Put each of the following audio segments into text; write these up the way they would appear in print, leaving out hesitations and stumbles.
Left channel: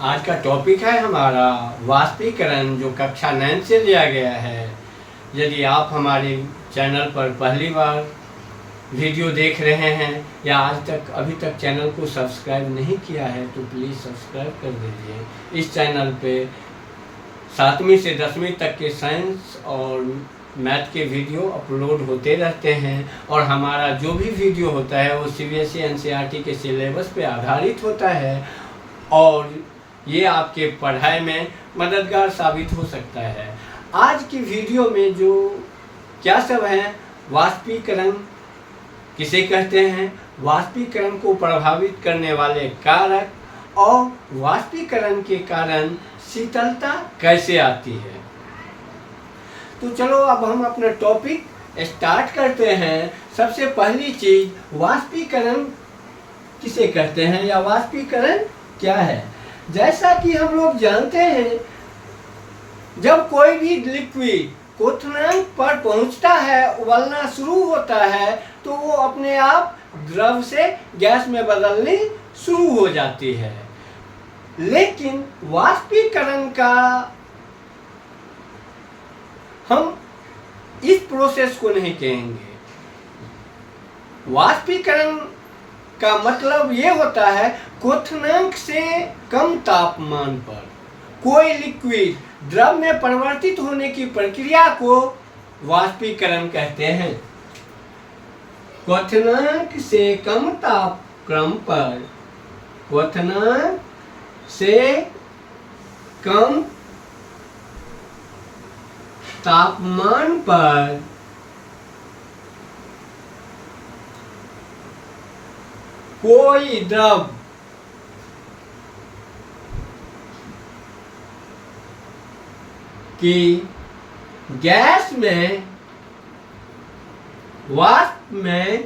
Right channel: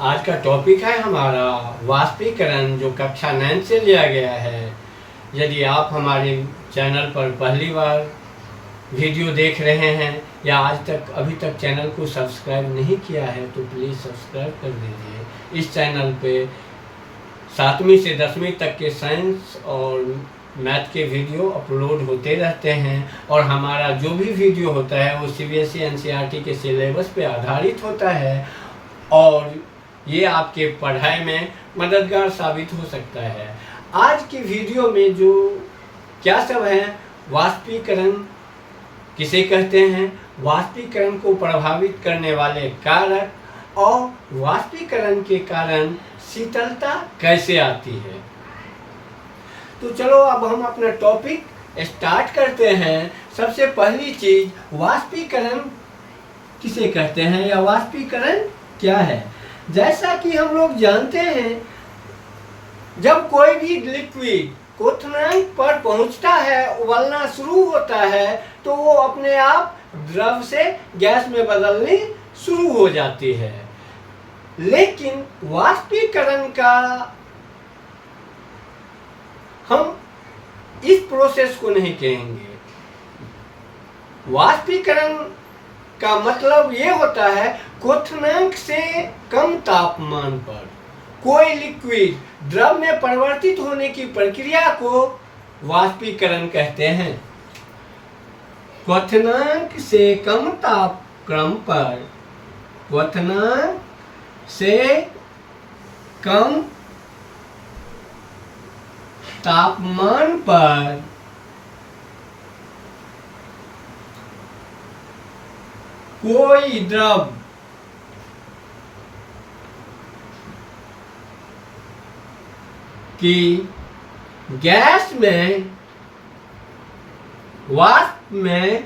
आज का टॉपिक है हमारा वाष्पीकरण, जो कक्षा 9 से लिया गया है। यदि आप हमारे चैनल पर पहली बार वीडियो देख रहे हैं या आज तक अभी तक चैनल को सब्सक्राइब नहीं किया है तो प्लीज़ सब्सक्राइब कर दीजिए। इस चैनल पे 7वीं से 10वीं तक के साइंस और मैथ के वीडियो अपलोड होते रहते हैं और हमारा जो भी वीडियो होता है वो CBSE NCERT के सिलेबस पे आधारित होता है और ये आपके पढ़ाई में मददगार साबित हो सकता है। आज की वीडियो में जो क्या सब है, वाष्पीकरण किसे कहते हैं, वाष्पीकरण को प्रभावित करने वाले कारक और वाष्पीकरण के कारण शीतलता कैसे आती है। तो चलो अब हम अपना टॉपिक स्टार्ट करते हैं। सबसे पहली चीज, वाष्पीकरण किसे कहते हैं या वाष्पीकरण क्या है। जैसा कि हम लोग जानते हैं, जब कोई भी लिक्विड क्वथनांक पर पहुंचता है, उबलना शुरू होता है, तो वो अपने आप द्रव से गैस में बदलनी शुरू हो जाती है। लेकिन वाष्पीकरण का हम इस प्रोसेस को नहीं कहेंगे। वाष्पीकरण का मतलब ये होता है, क्वथनांक से कम तापमान पर कोई लिक्विड द्रव में परिवर्तित होने की प्रक्रिया को वाष्पीकरण कहते हैं। क्वथनांक से कम तापक्रम पर, क्वथनांक से कम तापमान पर कोई द्रव की गैस में, वाष्प में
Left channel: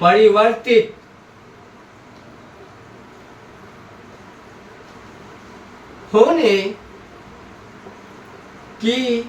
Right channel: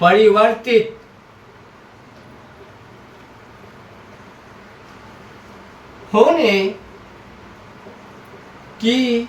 परिवर्तित होने की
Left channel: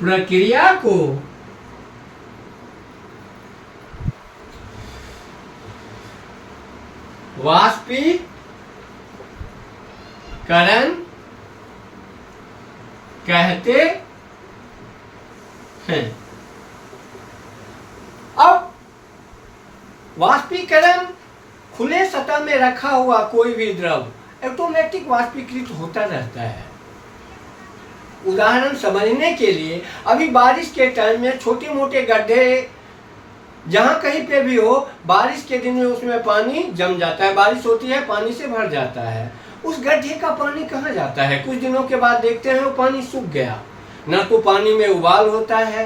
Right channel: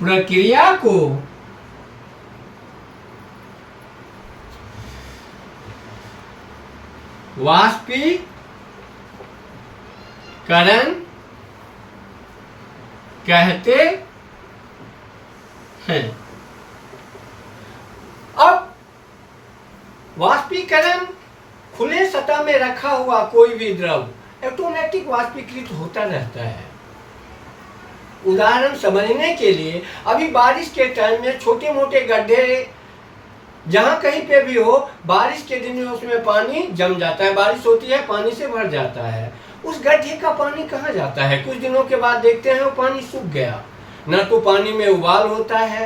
प्रक्रिया को वाष्पीकरण कहते हैं। अब वाष्पीकरण खुले सतह में रखा हुआ कोई भी द्रव ऑटोमेटिक वाष्पीकृत होता रहता है। उदाहरण समझने के लिए, अभी बारिश के टाइम में छोटे मोटे गड्ढे जहां कहीं पे भी हो, बारिश के दिन में उसमें पानी जम जाता है, बारिश होती है पानी से भर जाता है। उस गड्ढे का पानी कहाँ जाता है? कुछ दिनों के बाद देखते हैं वो पानी सूख गया, न तो पानी में उबाल होता है।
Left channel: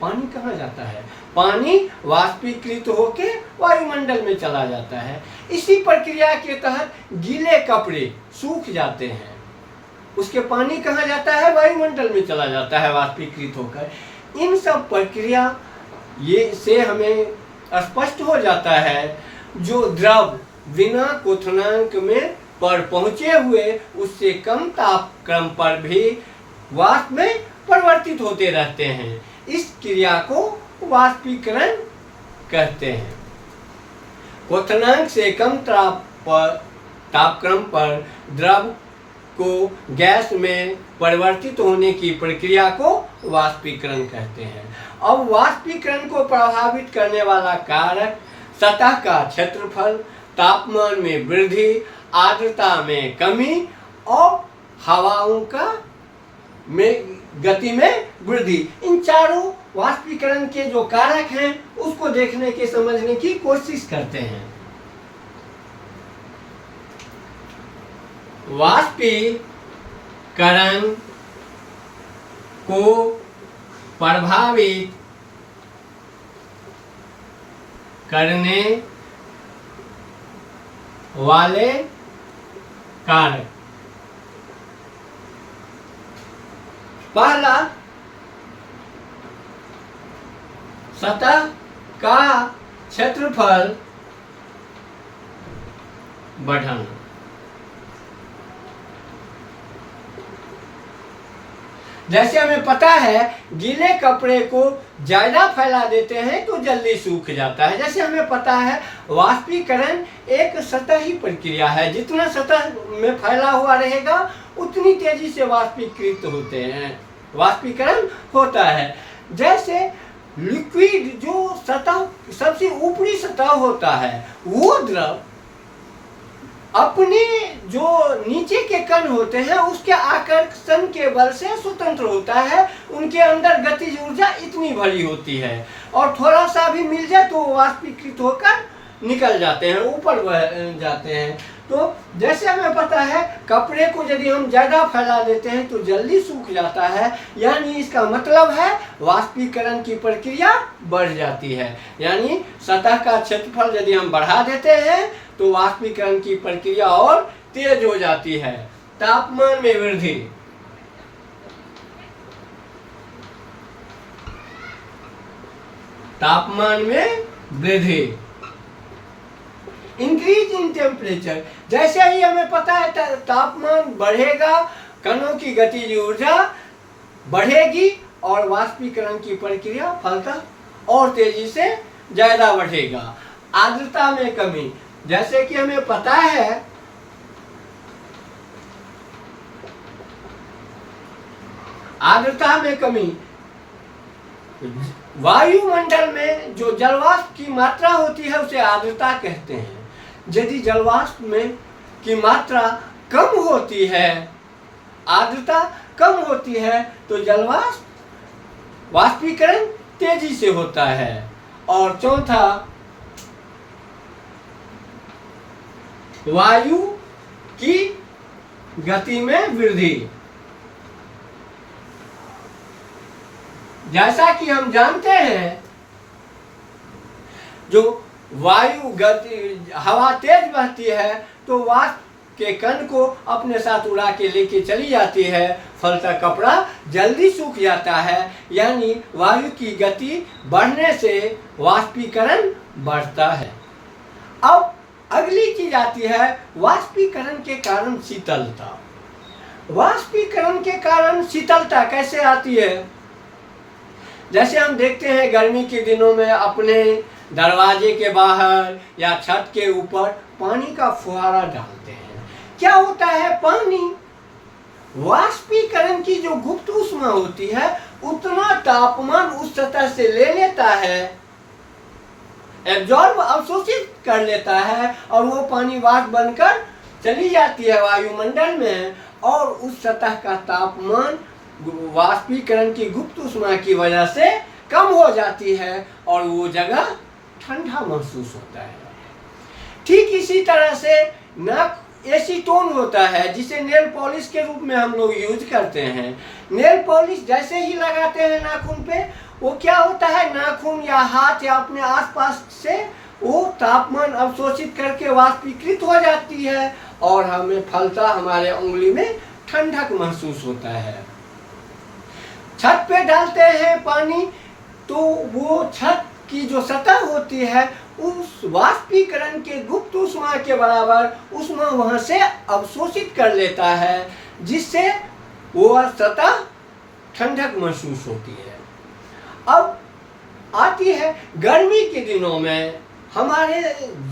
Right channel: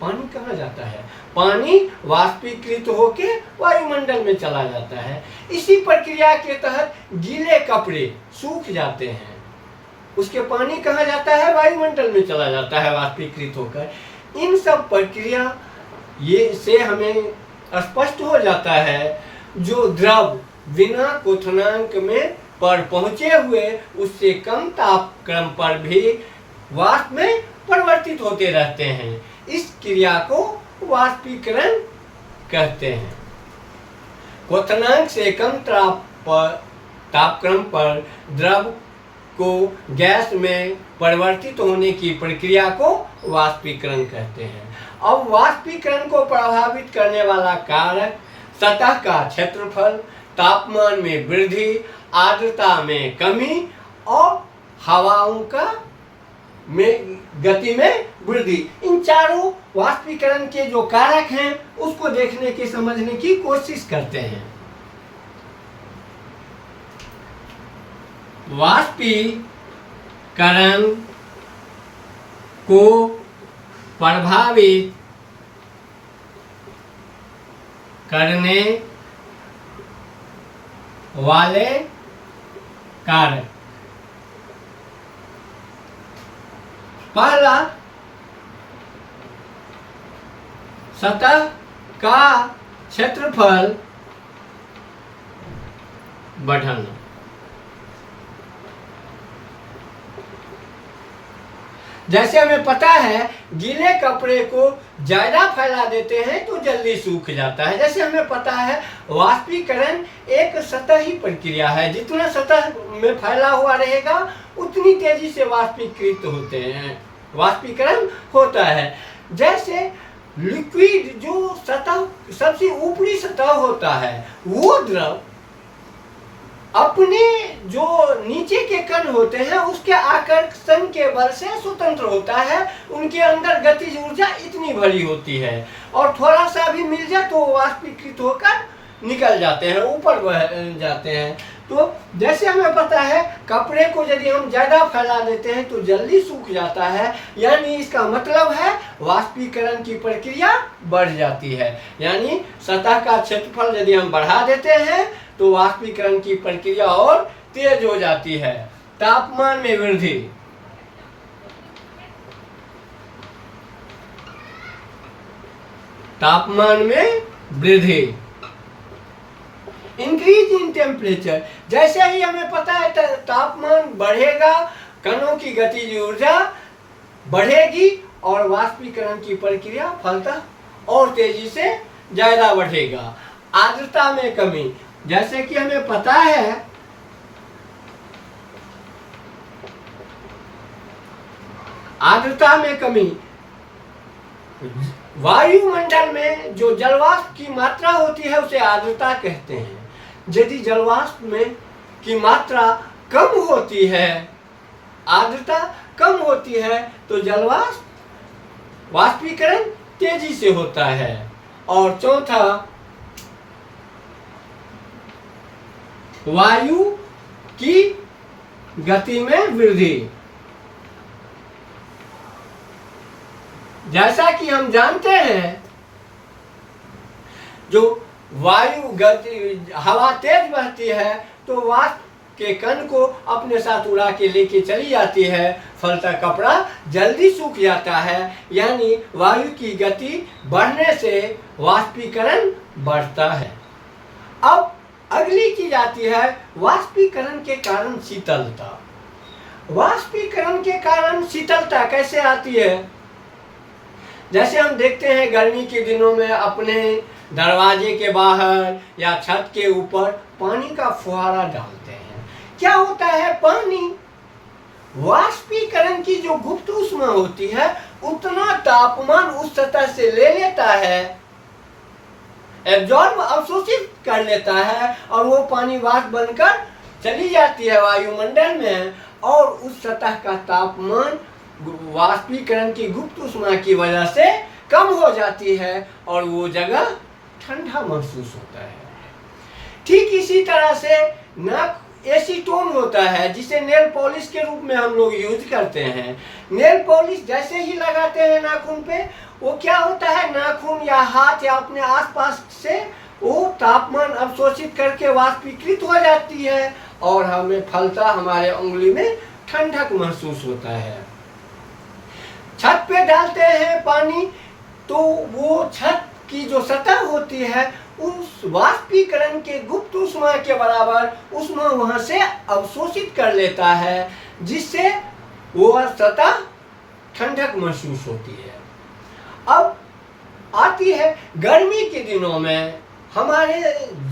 पानी कहाँ जाता है? पानी वाष्पीकृत होके वायुमंडल में चला जाता है। इसी प्रक्रिया के तहत गीले कपड़े सूख जाते हैं, उसके पानी कहाँ जाता है? वायुमंडल में चला जाता है वाष्पीकृत होकर। इन सब प्रक्रिया ये से हमें स्पष्ट हो जाता है, जो द्रव बिना क्वथनांक में पर पहुंचे हुए उससे कम तापक्रम पर भी वाष्प में परिवर्तित होते रहते हैं। इस क्रिया को वाष्पीकरण कहते हैं। क्वथनांक से कम तापक्रम पर द्रव को गैस में परिवर्तित होने की प्रक्रिया को वाष्पीकरण कहते हैं। अब वाष्पीकरण को प्रभावित करने वाला कारक सतह का क्षेत्रफल, तापमान में वृद्धि, आर्द्रता में कमी और हवाओं का गति में वृद्धि, इन चारों वाष्पीकरण के जो कारक हैं उसको देखने की, समझने की कोशिश करते हैं। वाष्पीकरण को प्रभावित करने वाले कारक, पहला सतह का क्षेत्रफल बढ़ना। जैसे हमें पता है गीले कपड़े को ज़्यादा फैला देते हैं तो जल्दी सूख जाता है। जैसे हमें पता है वाष्पीकरण एक सतही प्रक्रिया है, जितना सतह में फैला हुआ रहेगा उतनी तेजी से वाष्पीकृत होते हैं, वाष्पीकरण होता है। जैसे लिक्विड जो सतह सबसे ऊपरी सतह होता है वो द्रव अपने जो नीचे के कण होते हैं उसके आकर्षण के बल से स्वतंत्र होता है। उनके अंदर गतिज ऊर्जा इतनी भरी होती है और थोड़ा सा भी मिल जाए तो वाष्पीकृत होकर निकल जाते हैं, ऊपर बढ़ जाते हैं। तो जैसे हमें पता है कपड़े को यदि हम ज़्यादा फैला देते हैं तो जल्दी सूख जाता है, यानी इसका मतलब है वाष्पीकरण की प्रक्रिया बढ़ जाती है। यानी सतह का क्षेत्रफल यदि हम बढ़ा देते हैं तो वाष्पीकरण की प्रक्रिया और तेज हो जाती है। तापमान में वृद्धि, तापमान में वृद्धि, इंक्रीज इन टेम्परेचर। जैसे ही हमें पता है तापमान बढ़ेगा, कणों की गतिज ऊर्जा बढ़ेगी और वाष्पीकरण की प्रक्रिया फलतः और तेजी से ज्यादा बढ़ेगा। आर्द्रता में कमी, जैसे कि हमें पता है आर्द्रता में कमी, वायुमंडल में जो जलवाष्प की मात्रा होती है उसे आर्द्रता कहते हैं। यदि जलवाष्प में की मात्रा कम होती है, आर्द्रता कम होती है तो जलवाष्प वाष्पीकरण तेजी से होता है। और चौथा, वायु की गति में वृद्धि। जैसा कि हम जानते हैं जो वायु गति हवा तेज बहती है तो वाष्प के कण को अपने साथ उड़ा के लेके चली जाती है, फलतः कपड़ा जल्दी सूख जाता है। यानी वायु की गति बढ़ने से वाष्पीकरण बढ़ता है। अब अगली चीज आती है वाष्पीकरण के कारण शीतलता। वाष्पीकरण के कारण शीतलता कैसे आती है? जैसे हम देखते हैं गर्मी के दिनों में अपने दरवाजे के बाहर या छत के ऊपर पानी का फुहारा डालते हैं, क्या होता है? पानी वाष्पीकरण की जो गुप्त ऊष्मा होती है उतना तापमान उस सतह से ले लेता है, एब्जॉर्ब अवशोषित कर लेता है और वो पानी वाष्प बनकर चली जाती है वायुमंडल में और उस सतह का तापमान वाष्पीकरण की गुप्त ऊष्मा की वजह से कम हो जाती है और वो जगह ठंडा महसूस होता है। ठीक इसी तरह से नाक एसीटोन होता है जिसे नेल पॉलिश के रूप में हम लोग यूज करते हैं। नेल पॉलिश जैसे ही लगाते हैं नाखून पे, वो क्या होता है, नाखून या हाथ या अपने आसपास से वो तापमान अवशोषित करके वाष्पीकृत हो जाती है और हमें फलता हमारे उंगली में ठंडक महसूस होता है। छत पे डालते हैं पानी तो वो छत की जो सतह होती है उस वाष्पीकरण के गुप्त ऊष्मा के बराबर ऊष्मा वहां से अवशोषित कर लेता है, जिससे वो सतह ठंडक महसूस होती है। अब आती है गर्मी के दिनों में हमारे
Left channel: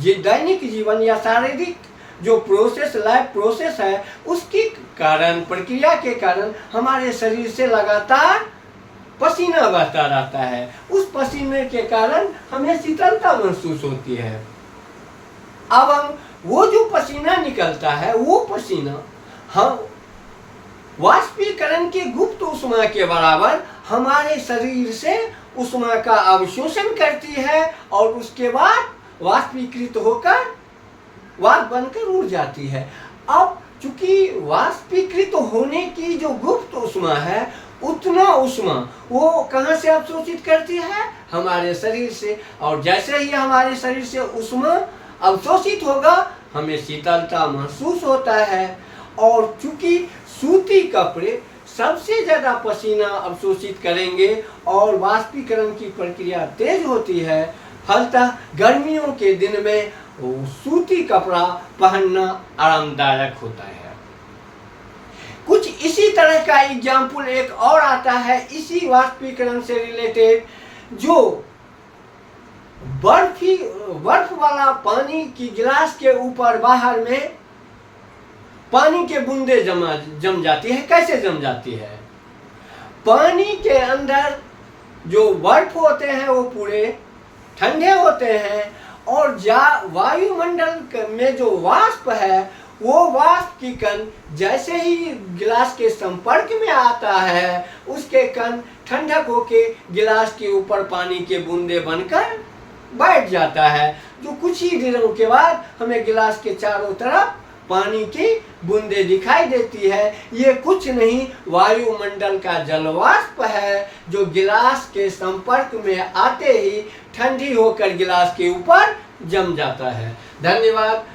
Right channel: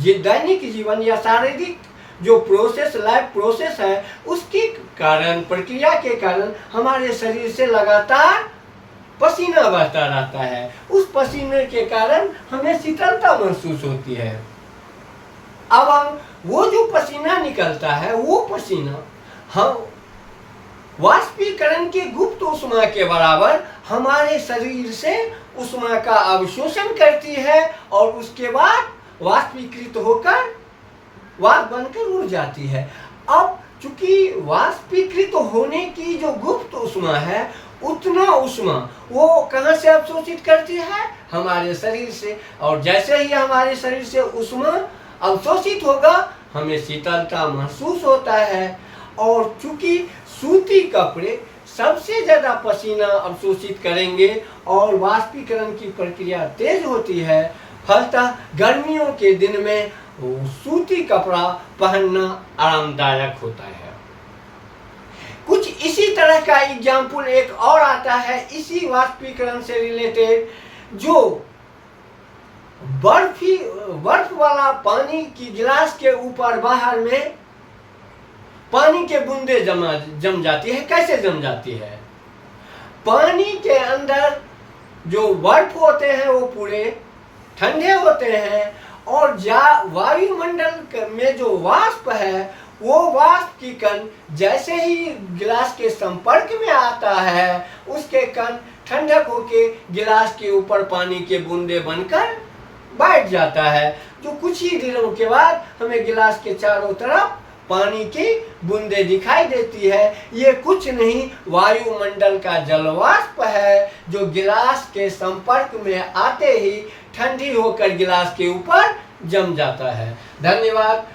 दैनिक जीवन या शारीरिक जो प्रोसेस, लाइफ प्रोसेस है, उसके कारण, प्रक्रिया के कारण हमारे शरीर से लगातार पसीना बहता रहता है। उस पसीने के कारण हमें शीतलता महसूस होती है। अब हम वो जो पसीना निकलता है वो पसीना हम वाष्पीकरण की गुप्त ऊष्मा के बराबर हमारे शरीर से ऊष्मा का अवशोषण करती है और उसके बाद वाष्पीकृत होकर वाष्प बनकर उड़ जाती है। अब चूंकि वाष्पीकृत होने की जो गुप्त ऊष्मा है उतना ऊष्मा वो कहाँ से अवशोषित करती है? हमारे शरीर से। और जैसे ही हमारे शरीर से ऊष्मा अवशोषित होगा हमें शीतलता महसूस होता है। और चूंकि सूती कपड़े सबसे ज़्यादा पसीना अवशोषित करेंगे और वाष्पीकरण की प्रक्रिया तेज होती है, फलतः गर्मियों के दिन में सूती कपड़ा पहनना आरामदायक होता है। कुछ इसी तरह का एग्जाम्पल एक और आता है इसी वाष्पीकरण से रिलेटेड, जो बर्फ वाला पानी की गिलास के ऊपर बाहर में पानी के बूंदे जम जाती है। कैसे जम जाती है? पानी के अंदर जो बर्फ होते हैं वो पूरे ठंडे होते हैं, और वायुमंडल में जो वाष्प है वो वाष्प की कण जैसे ही गिलास के संपर्क में आता है, उसके कण ठंडक होके गिलास के ऊपर पानी के बूंदे बनकर बैठ जाता है, जो कुछ ही दिनों के बाद हमें गिलास के चारों तरफ पानी की बूंदे दिखाई देती है। ये कुछ नहीं, वायुमंडल का जलवाष्प है, जो गिलास के संपर्क में आते ही ठंडी होकर गिलास के ऊपर जम जाता है। धन्यवाद।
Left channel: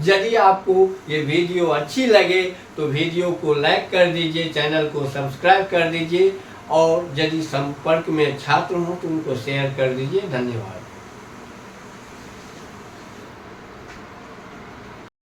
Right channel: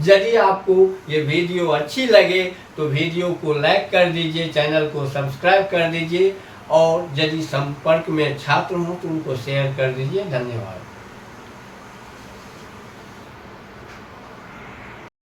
यदि आपको ये वीडियो अच्छी लगे तो वीडियो को लाइक कर दीजिए, चैनल को सब्सक्राइब कर दीजिए, और यदि संपर्क में छात्र हो तो उनको शेयर कर दीजिए। धन्यवाद।